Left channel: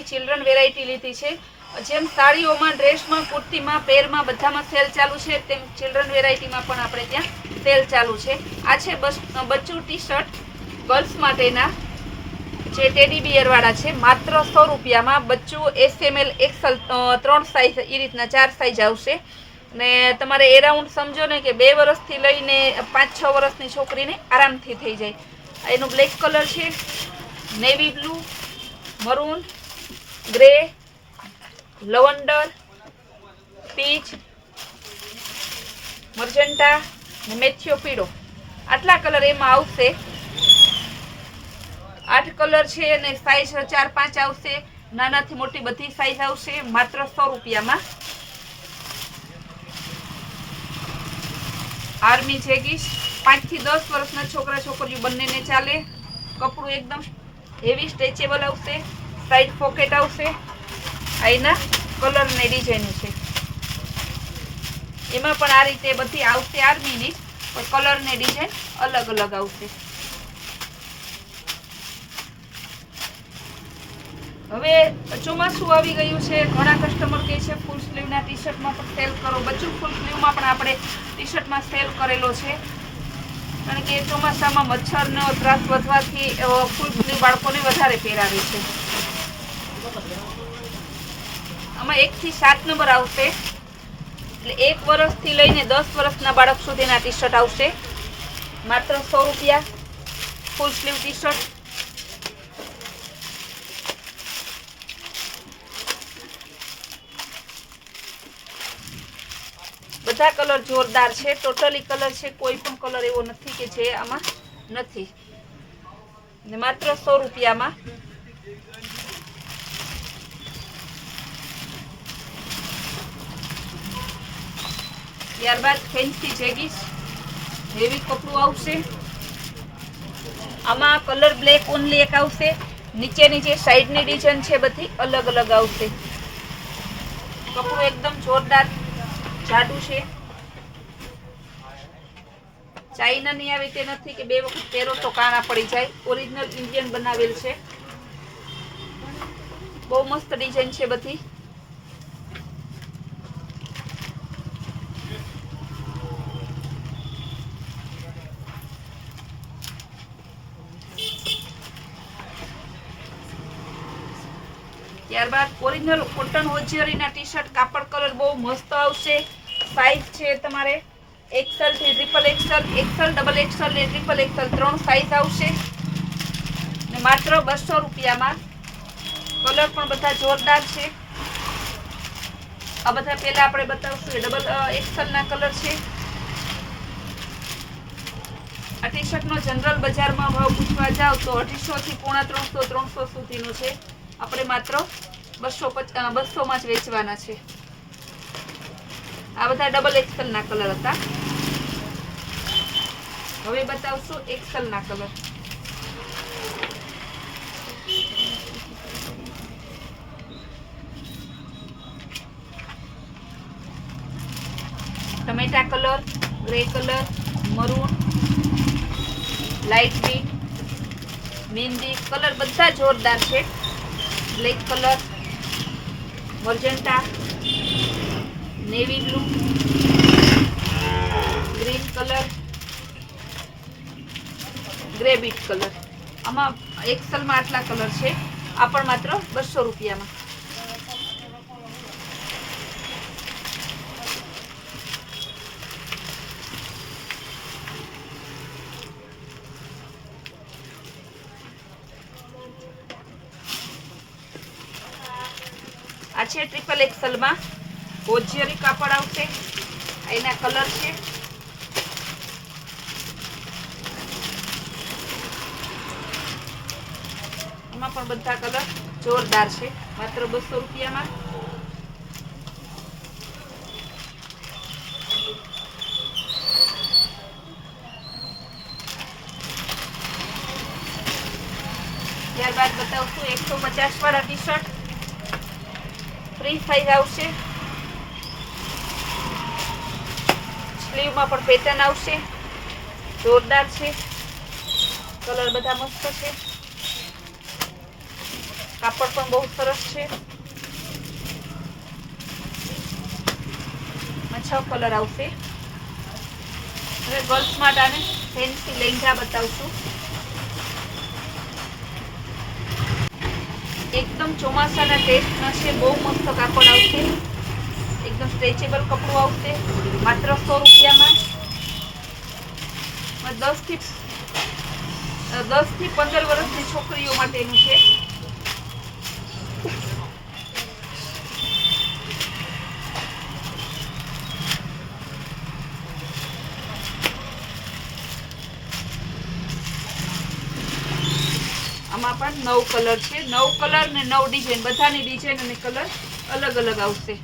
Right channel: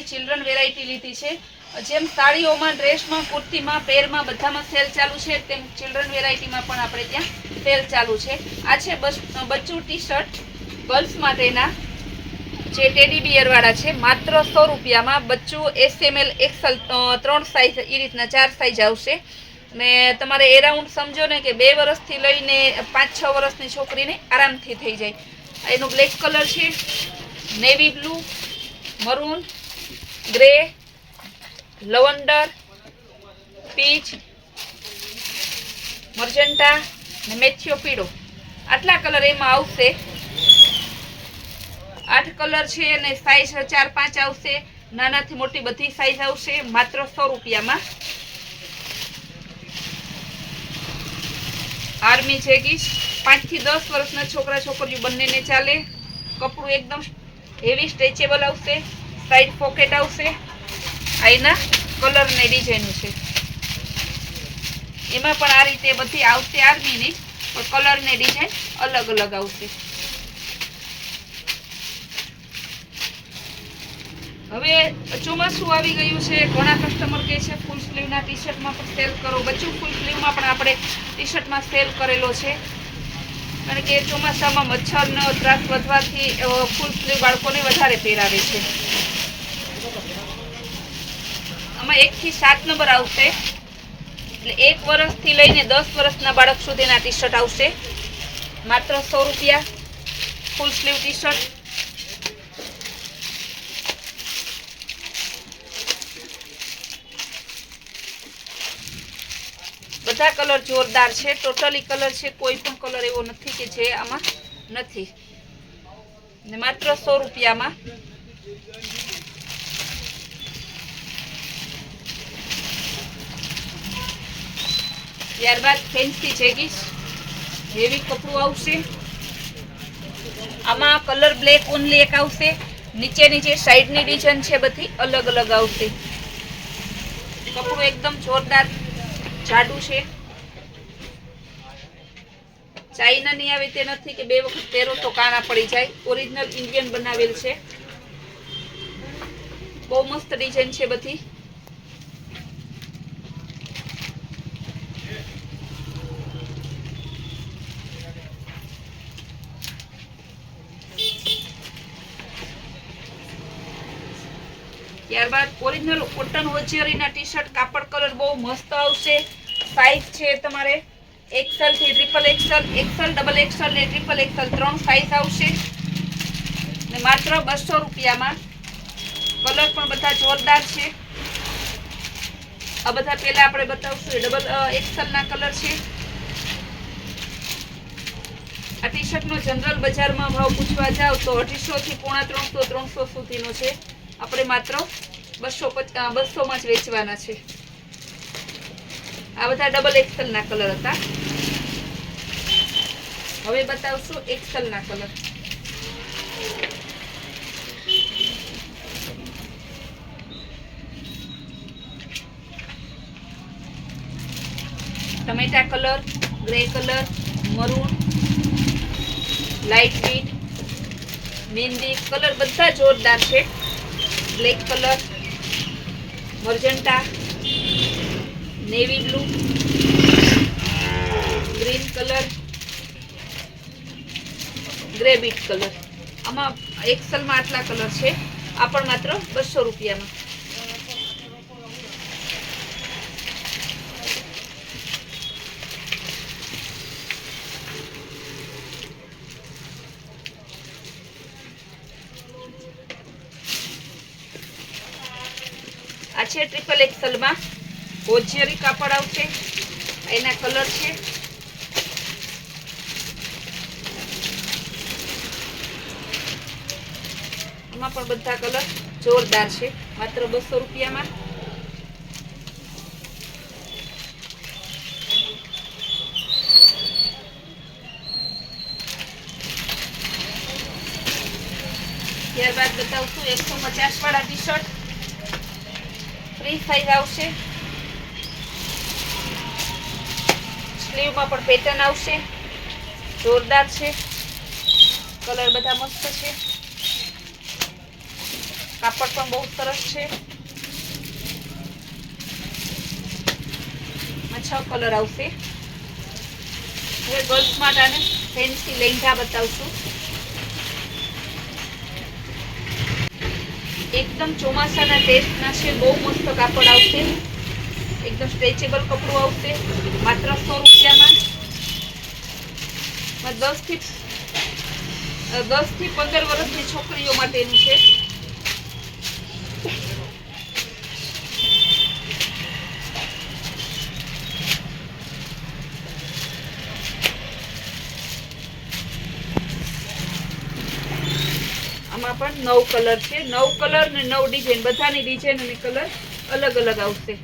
બધી children variety લીધી છે. જેમ સાડીઓમાં, ડ્રેસમાં, કુર્તીમાં, પેરમાં બધામાં સેલ ચાલુ છે, તેમ ચિલ્ડ્રન વેરાયટીમાં પણ આપણે ત્યાં સેલ ચાલુ છે. આ છે બચ્ચું ટી શર્ટ ગર્લ્સ માટેના, જે ટેડી બિયર વાળા છે, માત્ર 100 રૂપિયામાં. બચ્ચું SML XL 3 સાઈઝ, એ રીતના 4 સાઈઝ આવશે. ને તમારે એરાઉન્ડ સમજો ને કે 2 વર્ષથી લઈને 5-6 વર્ષની છોકરીને આરામથી થઈ જાય. એનો બ્લેક કલર છે, navy blue, maroon, grey, lavender, peach, magenta ને મેથિયો પીળો, આટલા કલર એમાં આવશે. 8 કલર છે અને સાઈઝ 4-5 આવશે. નાનાથી મોટી બધી સાઈઝ આવશે, માત્ર 100 રૂપિયામાં. આર્મી જેગીસ 5 થી 10 વર્ષના છોકરા છોકરીઓ બંનેને ચાલે. કપડું એકદમ હેવી સ્ટ્રેચેબલ આવશે, સાઈડ પોકેટ આવશે. આ એના કલર ને ડિઝાઇન છે. એમાં પણ આ રીતે બધી આવશે આર્મીની, પણ કલર ને ડિઝાઇન અલગ અલગ આવશે. હવે ચોમાસું આવી ગયું છે, ઘણા કસ્ટમર કહે છે ફૂલ સ્લીવના ટી શર્ટમાં પણ સેલ કરો. બચ્ચું ફૂલ સ્લીવમાં પણ આપણે ટી શર્ટમાં સેલ કરેલો છે, કારણ કે ચોમાસામાં મચ્છરનો ત્રાસ વધવાથી ફૂલ સ્લીવ બાળકોને વધારે પહેરાવે છે. આમાં 1 થી 7 નંબર આવશે, એટલે 1 વર્ષથી લઈને 10 વર્ષના બાળક સુધીના ટી શર્ટ આવશે. માત્ર 100 રૂપિયા ફૂલ સ્લીવ ટી શર્ટ. બધા કલર જોરદાર છે, ટોટલી કલર છે, કોઈ પણ કલર એવો નથી કે જે આમાં નથી. ને માત્ર 100 રૂપિયામાં. ત્યારબાદ ફેન્સી જેગીસ, હેવી કપડું આવશે. આમાં કલર બ્લેક ઓનલી એક આવશે. નીચેની જે સાઈડની ડિઝાઇન છે બધી અલગ અલગ આવશે. કપડું એકદમ જોરદાર જાડું છે. ચાઇના ની આવે તે નથી કે 2 વખત પહેરો તો કાણા પડી જાય. ઓરિજિનલ ઇન્ડિયન બનાવેલ છે. બહુ મસ્ત ડિઝાઇન છે બધી. ત્યારબાદ ઓરિજિનલ કોટન હોજિયરીના ટી શર્ટ, કાપડ કલર બહુ મસ્ત આવશે. સાઈઝ છે તમારે XL થી XXL, XL, XXL ને XXL 3 સાઈઝ આવશે. ને માત્ર 200 રૂપિયામાં. કલર પણ બધા જોરદાર છે. આ બધા પહેલા આપણે બતાવશું XL ના કલર છે. આ ટી શર્ટનો જનરલ બજારમાં ભાવ પૂછવા જાવ તો 250 થી 350, 300 સુધીનો છે. આપણે માત્ર 200 માં જ વેચવાના છે. આ બધા XXL ના કલર હતા. હવે બતાવશું XL ના કલર. ટમેટા colour, grey colour, maroon, light green, મહેંદી કલર બધા જોરદાર છે. Black colour, magenta, navy blue, green colour, grey beet colour. આમાં XL માં આટલા કલર છે. આ પણ માત્ર 200 રૂપિયામાં. આ છે XXL માં હોજિયરી કાપડ આવશે. એના કલર છે. આમાં પણ બધા કલર જોરદાર છે. માત્ર 200 રૂપિયામાં. ત્યારબાદ બતાવશું 150 વાળા ટી શર્ટ. 3 સાઈઝ આવશે. સ્લીવમાં પણ પેટર્ન આવશે. જોરદાર છે. કલર બધા મસ્ત છે. કાપડ પણ બહુ સરસ છે. આ 6 કલર આવશે. હવે ગર્લ્સ માટે આને ફેન્સી લેંઘા બતાવશું. એકદમ ચોમાસાના ટેસ્ટના છે. બહુ મસ્ત કાપડ આવશે. એકદમ સ્ટ્રેચેબલ કપડું આવશે. માત્ર 100 રૂપિયામાં. 10 થી 15 વર્ષની છોકરીઓ માટેનું છે. આમાં પણ 9 કલર છે. 9 કલર ને 9 ડિઝાઇન. બધાની ડિઝાઇન અને કલર અલગ અલગ આવશે.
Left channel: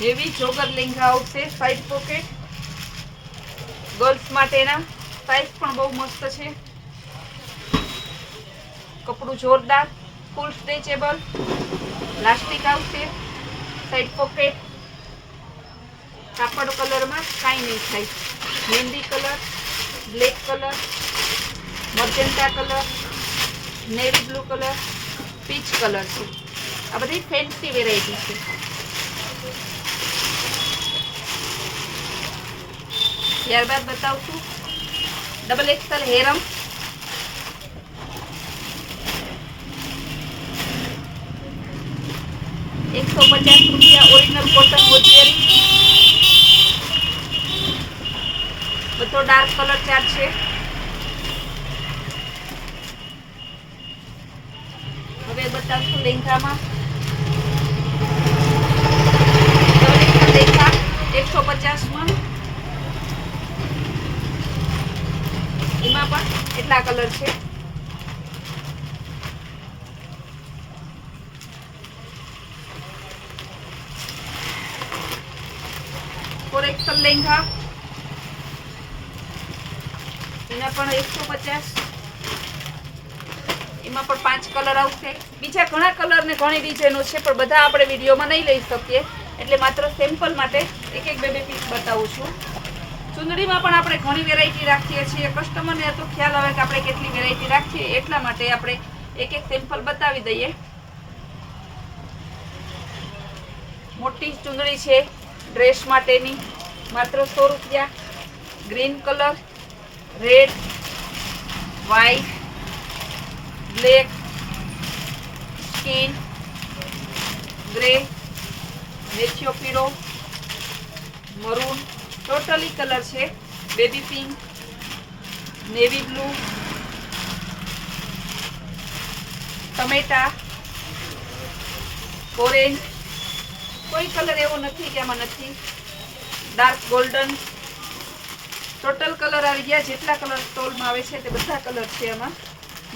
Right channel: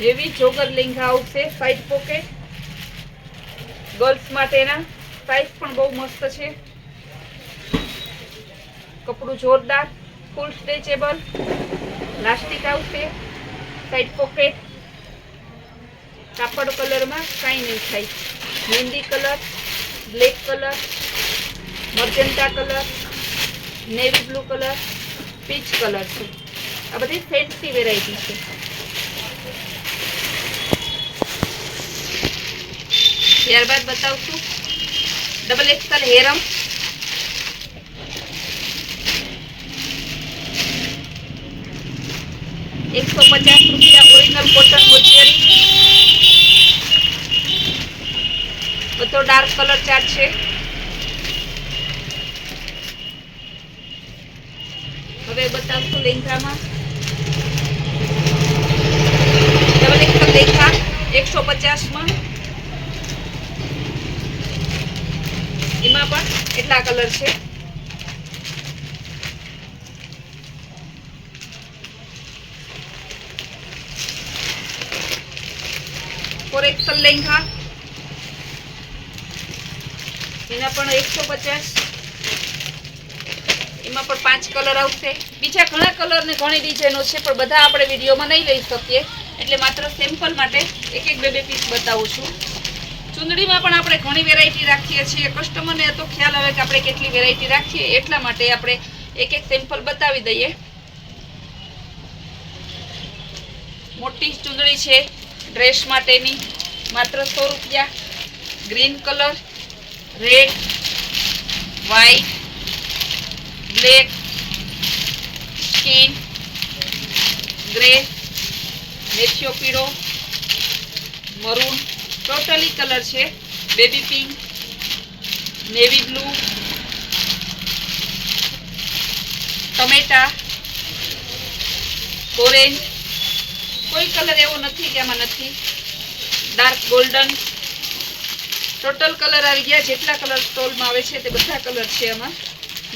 હેવી જોગર લેંઘા આવશે. સાઈડ પોકેટ ગર્લ્સ માટેના. સાઈઝ પણ બહુ મસ્ત છે. કપડું જોરદાર. ફૂલ સ્ટ્રેચેબલ. લાસ્ટિક આવશે. Side pocket. કાપડ કલરમાં કાંઈ નહીં થાય. મહેંદી colour, black colour, magenta colour, navy blue colour, peach colour છે. આ બધી ફેન્સી વેરાયટી છે. ત્યારબાદ બતાવશું double XL harem. ₹150 original cotton મોજેરી. બધો ડાર્ક કલર ચાર્ટ છે. હવે બતાવશું લેંઘામાં. Double XL lehenga 150માં. એમાં પણ એટલા કલર છે. Four XL lehenga. એના પણ 150. એમાં પણ 5 કલર આવશે. બીજા ઘણા કલર ને ઘણી ડિઝાઇનો છે, પણ બધા આપણે વિડીયોમાં નહીં લઈ શકીએ, એટલે માત્ર સેમ્પલ માટે એક એક બે પીસ બતાવું છું. ચુંદડીમાં પણ આપણે ઘણી વેરાયટી રાખીએ છીએ. કસ્ટમરને તો ખ્યાલ આવે કે આપણે કેટલી વેરાયટી રાખીએ, એટલા માટે આપણે એક એક સેમ્પલ બતાવી દઈએ. મોટી ચુંદડી છે ડ્રેસ માટેની, માત્ર 100 રૂપિયા. Green colour, red, white, black, skin, grey, મેથિયો પીળો, મરૂન, ટોટલી કલર છે. બેબી પિંક, નેવી બ્લુ, ટમેટા, ઓરેન્જ. કોઈ કલર એવો નથી કે આમાં નથી. Dark golden. ટોટલ કલર આવી ગયા. જેટલા કલર સ્ટોલમાં આવે છે તે બધા કલર છે આમાં.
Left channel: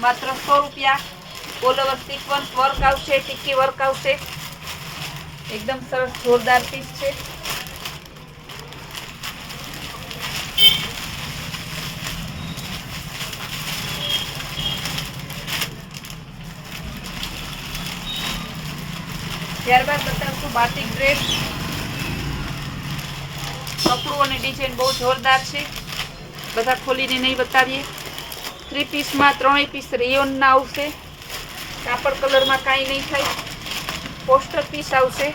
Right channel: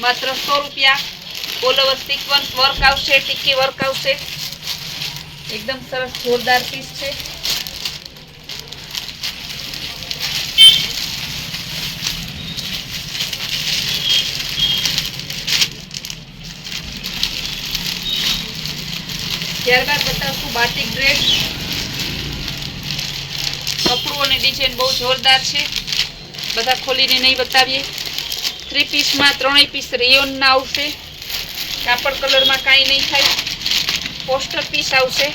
માત્ર 100 રૂપિયા. ઓલ ઓવર સિક્વન્સ વર્ક આવશે, ટીકી વર્ક આવશે. એકદમ સરસ જોરદાર પીસ છે. ત્યારબાદ બતાવશું બાટિક ડ્રેસ. કપડું અને ડિઝાઇન બહુ જોરદાર છે. બધા ખોલીને નહીં બતાવીએ. 3 પીસમાં 3 પીસ રેયોનના આવશે. કાપડ કલરમાં કાંઈ નહીં થાય. પોસ્ટર પીસ આવશે.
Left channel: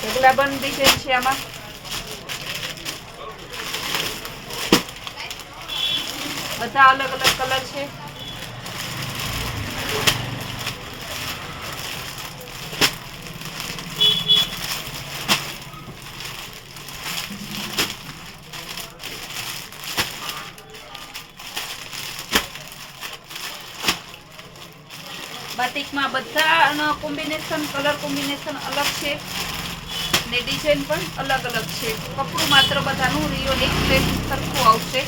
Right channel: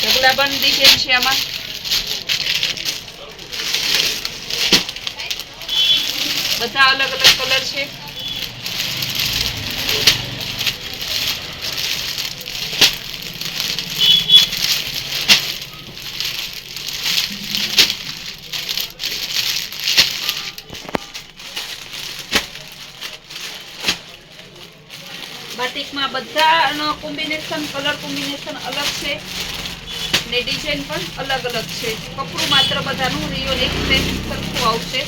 ઢગલાબંધ ડિઝાઇન છે આમાં. બધા અલગ અલગ કલર છે. બાટિકમાં બધા કોમ્બિનેશન, કલર કોમ્બિનેશન અલગ છે ને ડિઝાઇન પણ અલગ અલગ છે. કપડું માત્ર બધાનું રિયોન એક સેમ સરખું આવશે.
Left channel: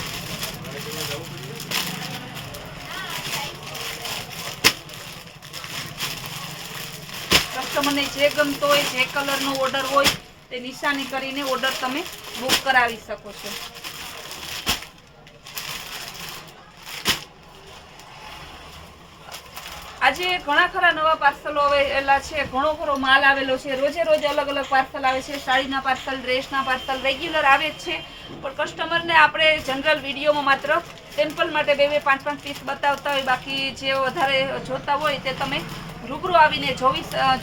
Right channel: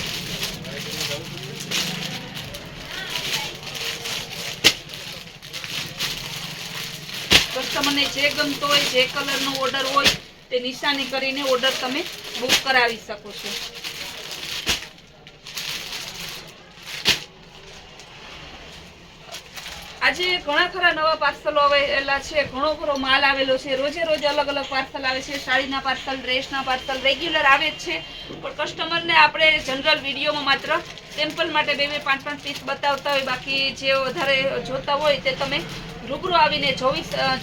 કસ્ટમરને જે ગમતો હોય, જે કલરનો ઓર્ડર હોય તે નિશાની કરીને ઓર્ડર તમે બુક કરાવી શકો છો. આજે ઘણા ખરા નવા પાર્સલો આવેલા છે, ઘણો ખરો માલ આવેલો છે, રોજે રોજ અલગ અલગ પાર્સલ આવે છે, સાડીના પાર્સલ, ડ્રેસના પાર્સલ રેગ્યુલર આવે જ છે. પણ કસ્ટમરને આપણે જનરલ વિડીયોમાં માત્ર સેમ્પલ માટે 2-5 પીસ બતાવતા હોય, બાકી જે વધારે જોતા હોય તે તમે રૂબરૂ આવીને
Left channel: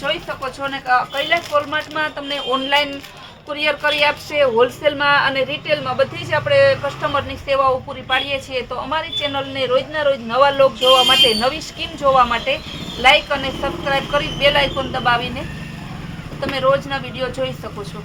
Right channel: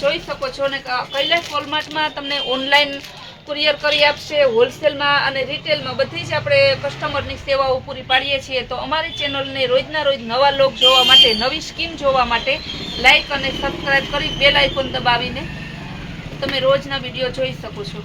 જોઈ શકો છો. અને કૈલાસ વોલમાર્ટમાં તમને ઓનલાઈન કુરિયર કરી આપશે, હોલસેલમાં અને રિટેલમાં બધી જ આપણે કસ્ટમરની સેવાઓ પૂરી પાડીએ છીએ. તો અમારી ચેનલને રોજના રોજ નવા લોક જોવા માટે, નવી સ્કીમ જોવા માટે લાઈક અને સબસ્ક્રાઈબ કરી બેલ આઇકોન દબાવીને તમે રોજના વિડીયો જોઈ શકો છો.